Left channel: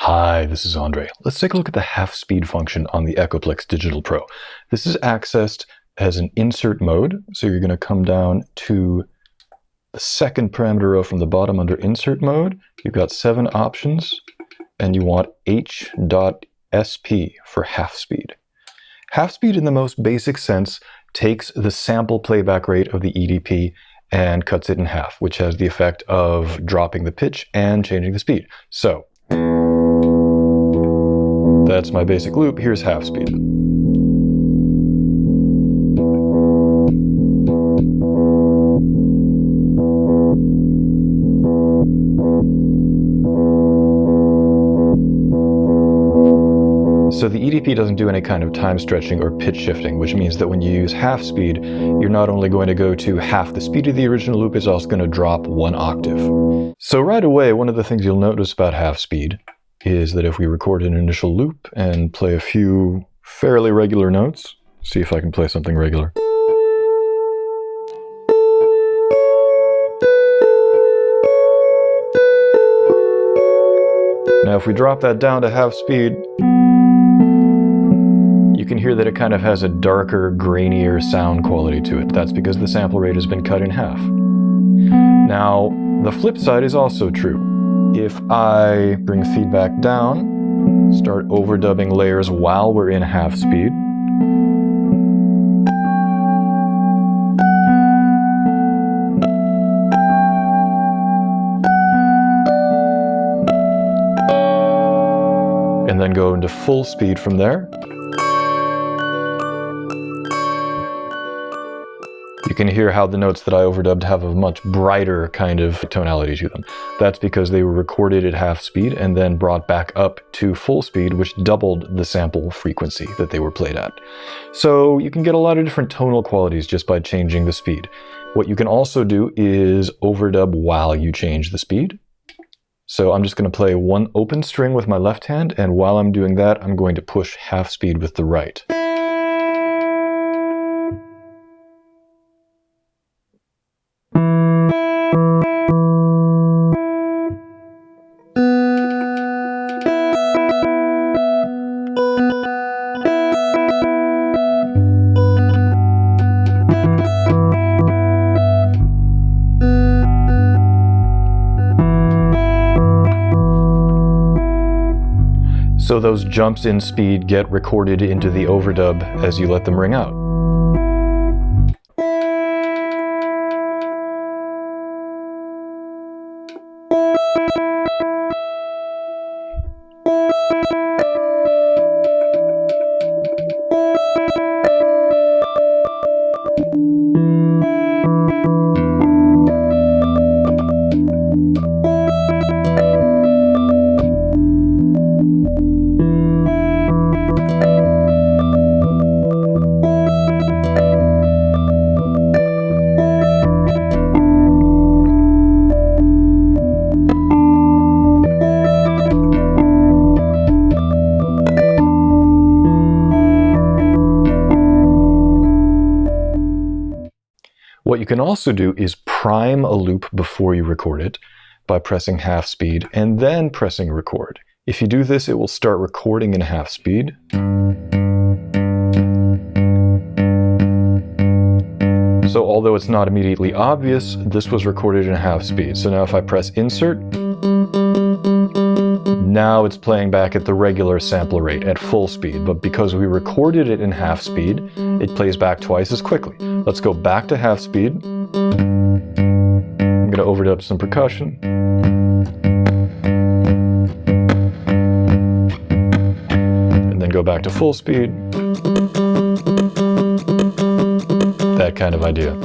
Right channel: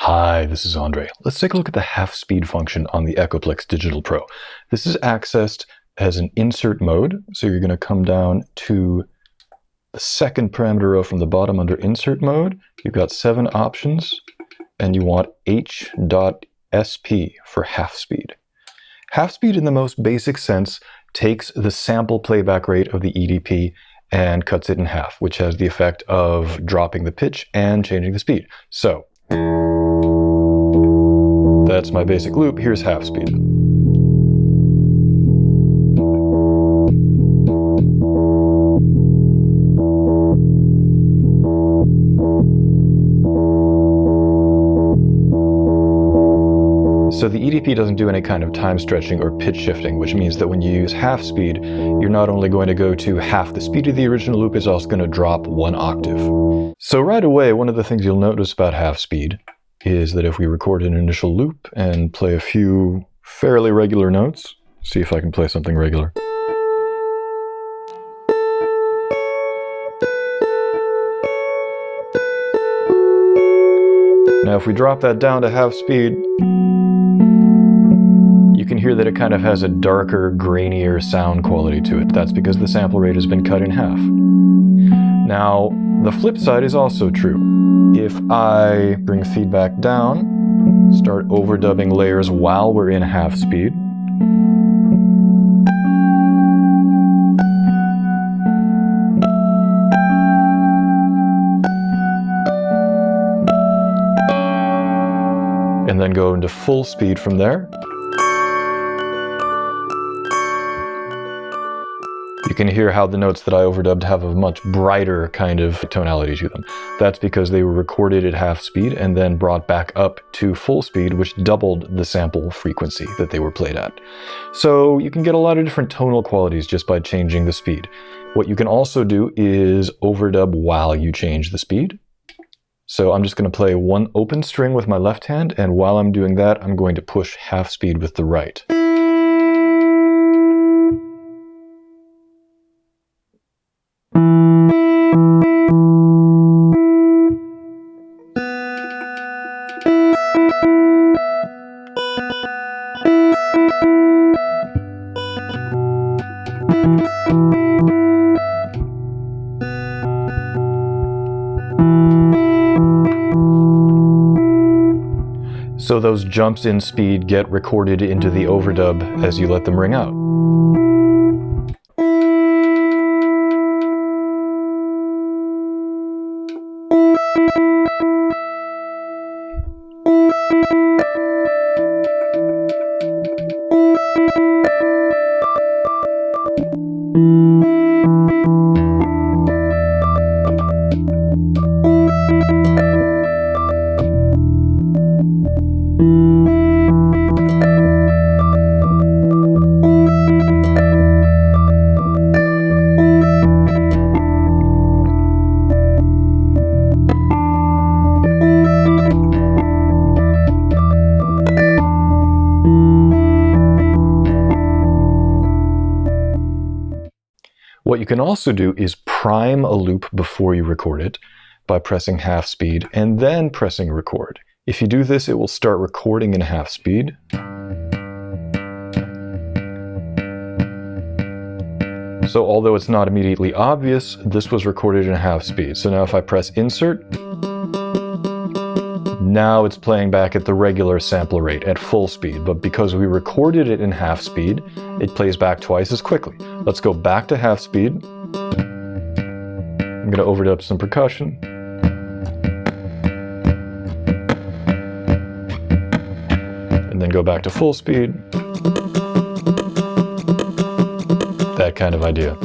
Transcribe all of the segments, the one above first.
Hi, this is Andre. Let's take a look at the half-speed function on the Echoplex Digital Pro. This is accessed as an insert mode, so you're going to come down to the second parameter row from the bottom under insert mode. You've got 7 options, and you want h.sp for half-speed. Half-speed in the most basic sense takes the sample playback rate of the EDP and cuts it in half, which has the effect of dropping the pitch and changing the speed. So that's my basic loop. Here's half speed. So the EDP doesn't do any kind of time stretching or pitch shifting, which means that when you use half speed, you're not only going to go to half the speed of the original loop, it's also going to drop 1 octave. So right away, one of the things you'll notice about half speed is that if we record an initial loop and play a few fairly regular notes, see if I can play something regular. Now if we drop that down to half speed, you can hear that it kind of has a darker, grainier sound quality to it. That's because the sample rate has been cut in half. Now, the flip side is also true. If I bring feedback down, start overdubbing layers while we're in half speed, and then go into full speed from there, you can hear how the notes that I overdubbed have a much brighter kind of tonality to them. That's because they were recorded at half speed and then brought back up to full speed, which doubled the sample frequency that they were played at. So you can get a lot of different tonal qualities just by changing the speed. What you can also do is overdub while you change the speed. So I'm just going to play one open string with my left hand, and while I'm doing that, I'm going to push half speed with the right. So those jumps in speed get recorded into the overdub as you let them ring out. What you can also do is prime a loop before you record it by pressing half speed and then pressing record. If you do this, it will start recording in half speed. So although it's not immediately obvious, this was recorded in half speed. So now if I press insert, now it's playing back at the regular sample rate at full speed, but because we recorded it in half speed, it plays back twice as quickly. Let's go back to half speed. I'm going to overdub some percussion. And then go back to full speed. That kind of idea.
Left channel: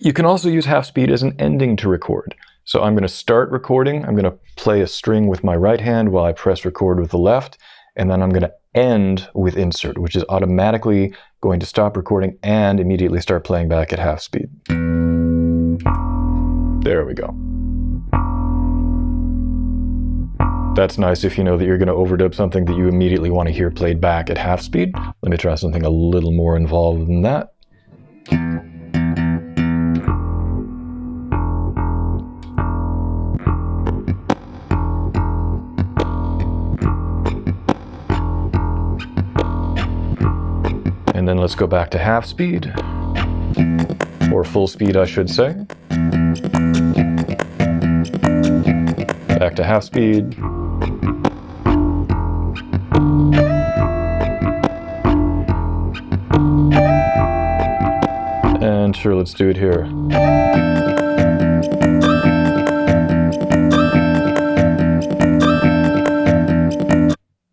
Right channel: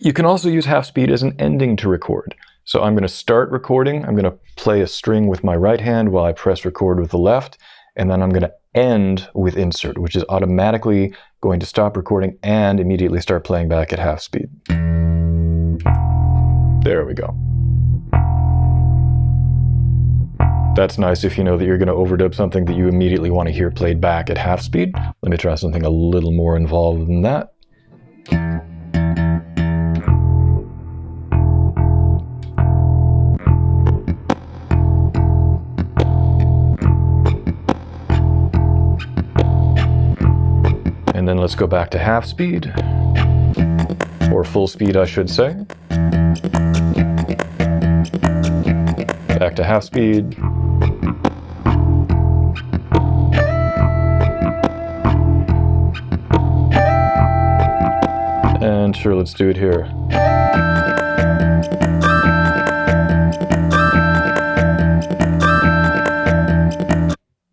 You can also use half speed as an ending to record. So I'm going to start recording. I'm going to play a string with my right hand while I press record with the left. And then I'm going to end with insert, which is automatically going to stop recording and immediately start playing back at half speed. There we go. That's nice if you know that you're going to overdub something that you immediately want to hear played back at half speed. Let me try something a little more involved than that. let's go back to half speed, or full speed I should say. Back to half speed. And sure, let's do it here.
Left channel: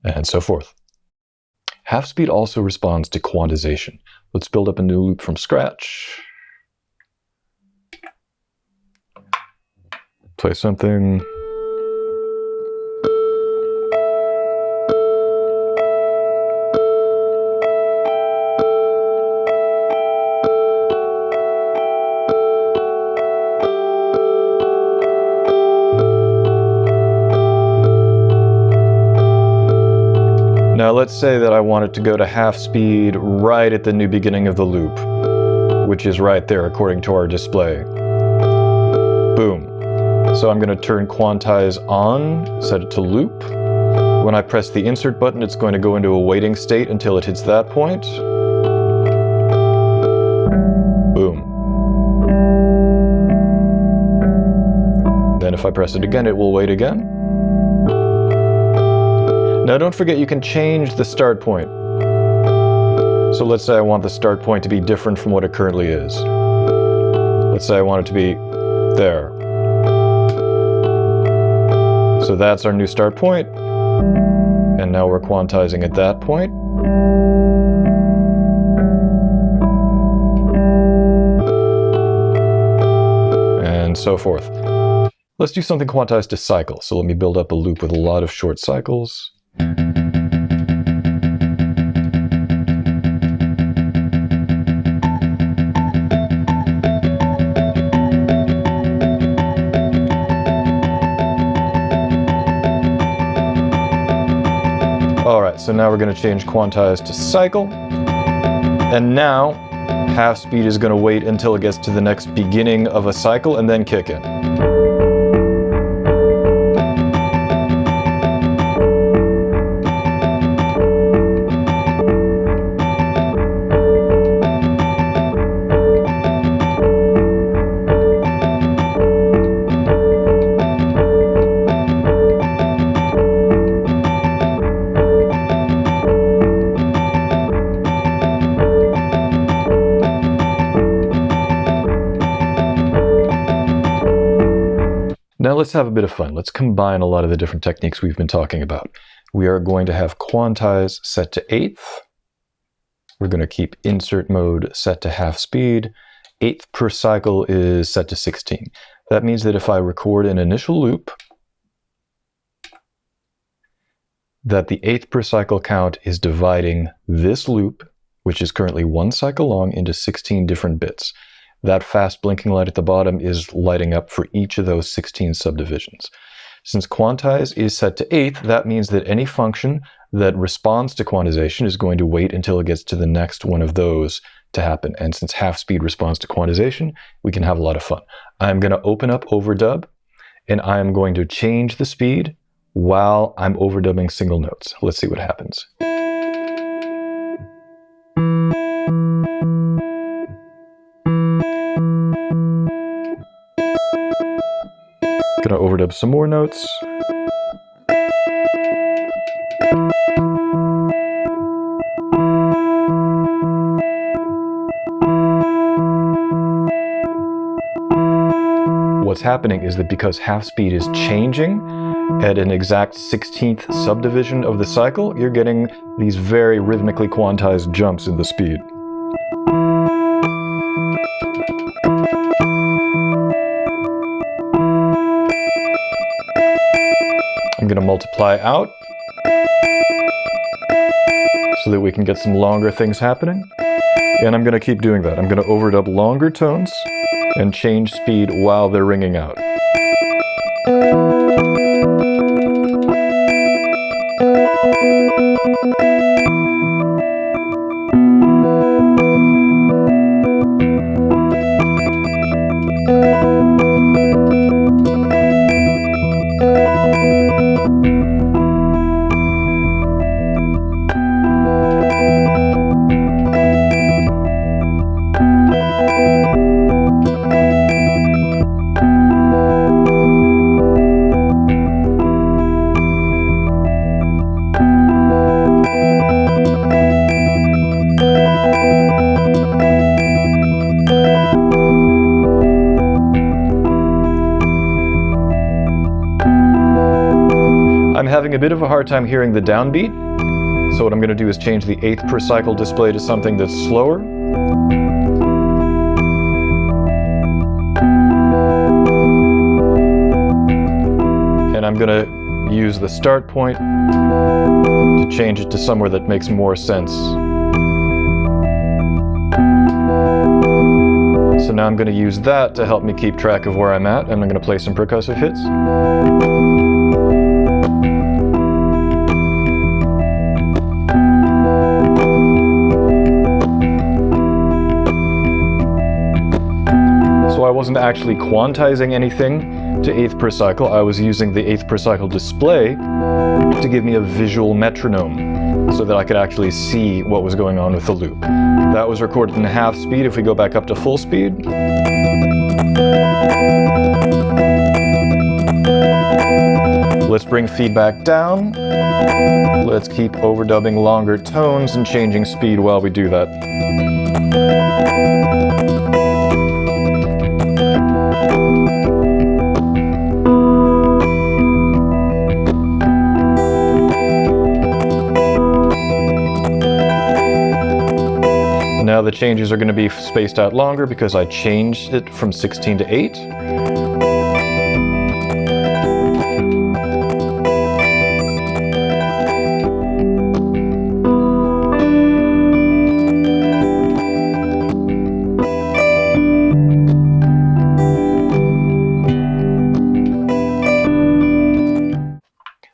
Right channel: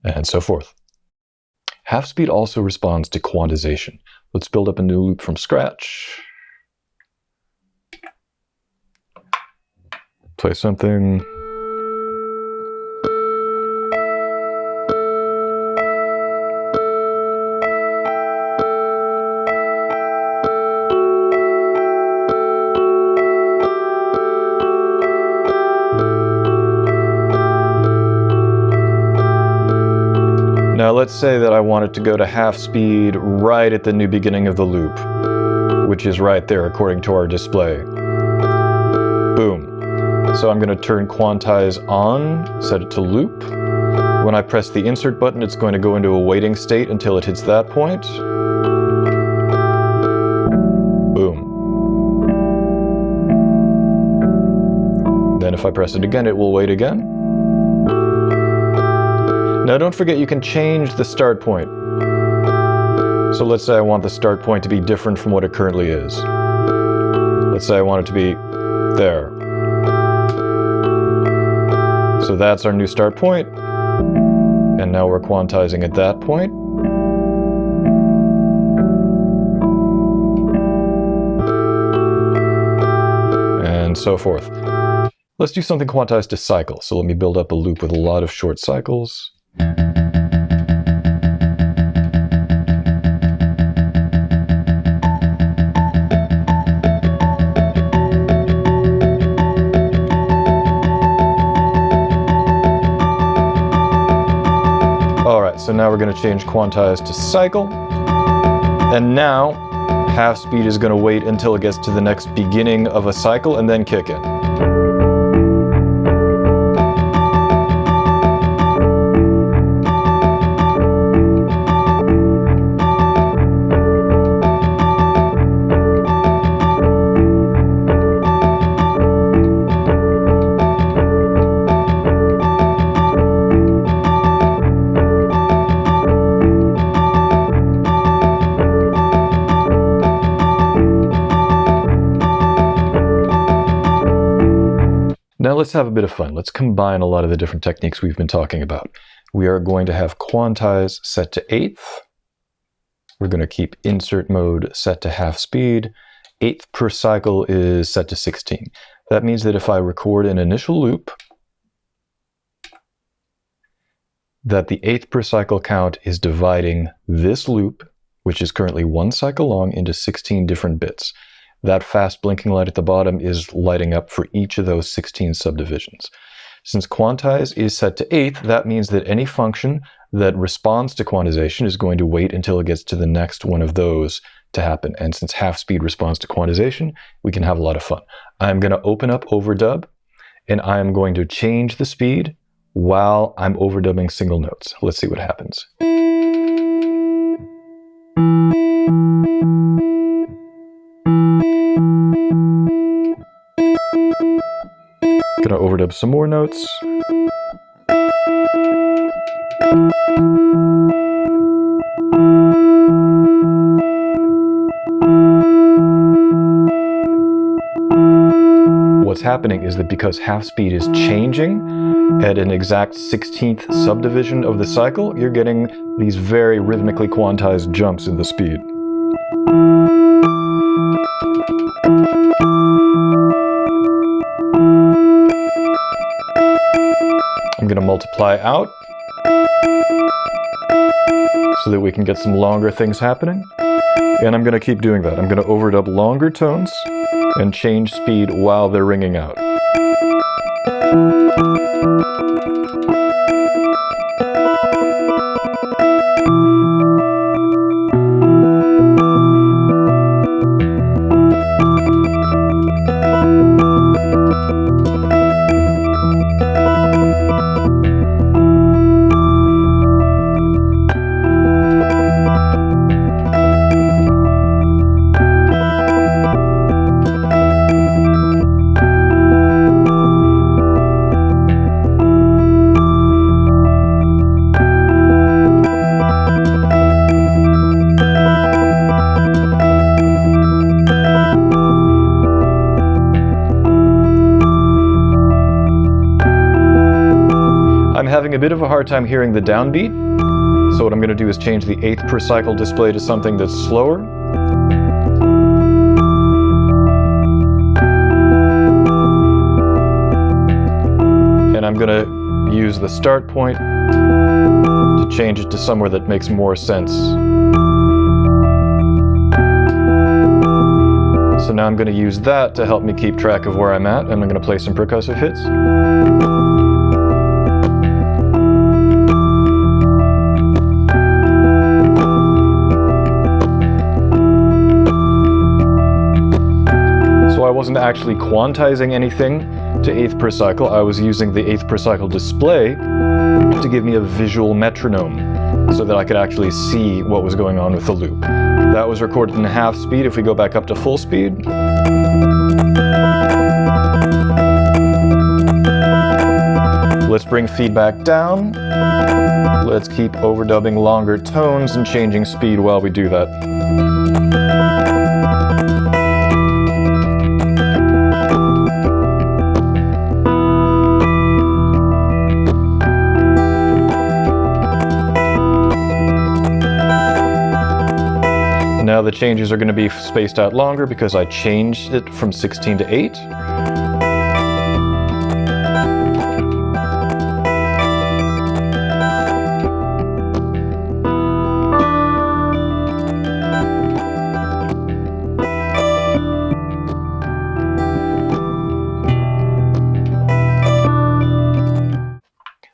And so forth. Half speed also responds to quantization. Let's build up a new loop from scratch. Play something. Now let's say that I want it to go to half speed right at the new beginning of the loop, which is right there according to our display. Boom. So I'm going to turn Quantize on, set it to loop. When I press the insert button, it's going to go into a waiting state until it hits that point. Boom. Then if I press it again, it will wait again. Now don't forget you can change the start point. So let's say I want the start point to be different from what it currently is. Let's say I want it to be there. So that's our new start point. And now we're quantizing at that point. And so forth. Let's do something quantized to cycle. So let me build up a loop with a lot of short cycles. Alright, so now we're going to change Quantize to cycle. And now, half speed is going to wait until it gets to the next beginning of a cycle and then kick in. Now let's have a bit of fun. Let's combine a lot of the different techniques we've been talking about. We are going to have Quantize set to 8th. We're going to keep insert mode set to half speed. 8th per cycle is set to 16. That means that if I record an initial loop, that the 8th per cycle count is dividing this loop, which is currently 1 cycle long, into 16 different bits. That fast blinking light at the bottom is lighting up for each of those 16 subdivisions. Since Quantize is set to 8th, that means that any function that responds to quantization is going to wait until it gets to the next one of those to happen. And since half speed responds to quantization, we can have a lot of fun. I'm going to open up overdub, and I'm going to change the speed while I'm overdubbing single notes. Let's see what happens. Gonna overdub some more notes. What's happening is that because half speed is changing at an exact 16th subdivision of the cycle, you're getting these very rhythmically quantized jumps in the speed. I'm going to multiply out so that we can get some longer things happening. And I'm going to keep doing that. I'm going to overdub longer tones and change speed while they're ringing out. I'm having a bit of a hard time hearing the downbeat, so what I'm going to do is change the 8th per cycle display to something that's slower. And I'm going to use the start point to change it to somewhere that makes more sense. So now I'm going to use that to help me keep track of where I'm at, and I'm going to play some percussive hits. So I wasn't actually quantizing anything to 8th per cycle. I was using the 8th per cycle display to give me a visual metronome so that I could actually see what was going on with the loop. That was recorded in half speed. If we go back up to full speed, let's bring feedback down. Let's keep overdubbing longer tones and changing speed while we do that. Now the changes are going to be spaced out longer because I changed it from 16 to 8.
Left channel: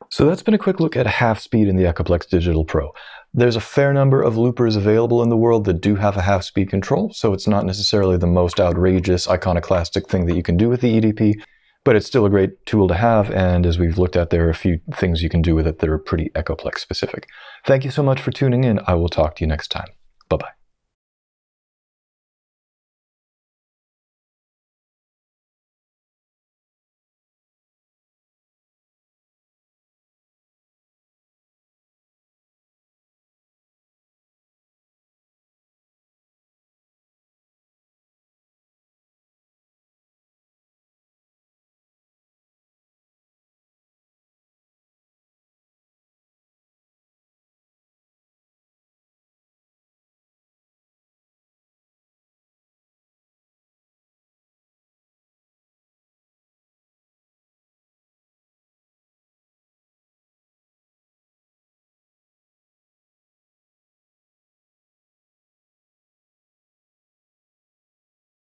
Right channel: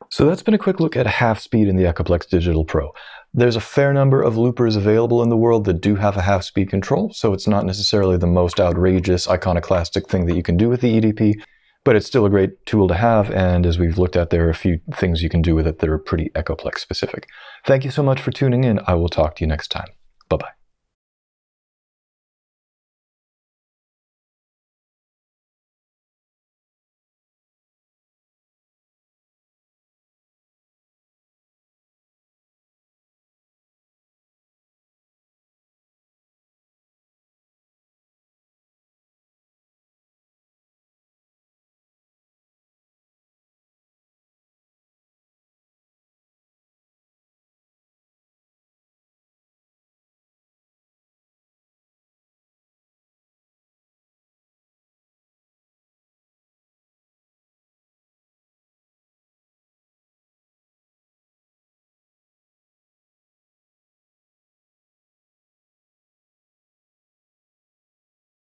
So that's been a quick look at half speed in the Echoplex Digital Pro. There's a fair number of loopers available in the world that do have a half speed control, so it's not necessarily the most outrageous iconoclastic thing that you can do with the EDP, but it's still a great tool to have, and as we've looked at, there are a few things you can do with it that are pretty Echoplex specific. Thank you so much for tuning in. I will talk to you next time. Bye-bye.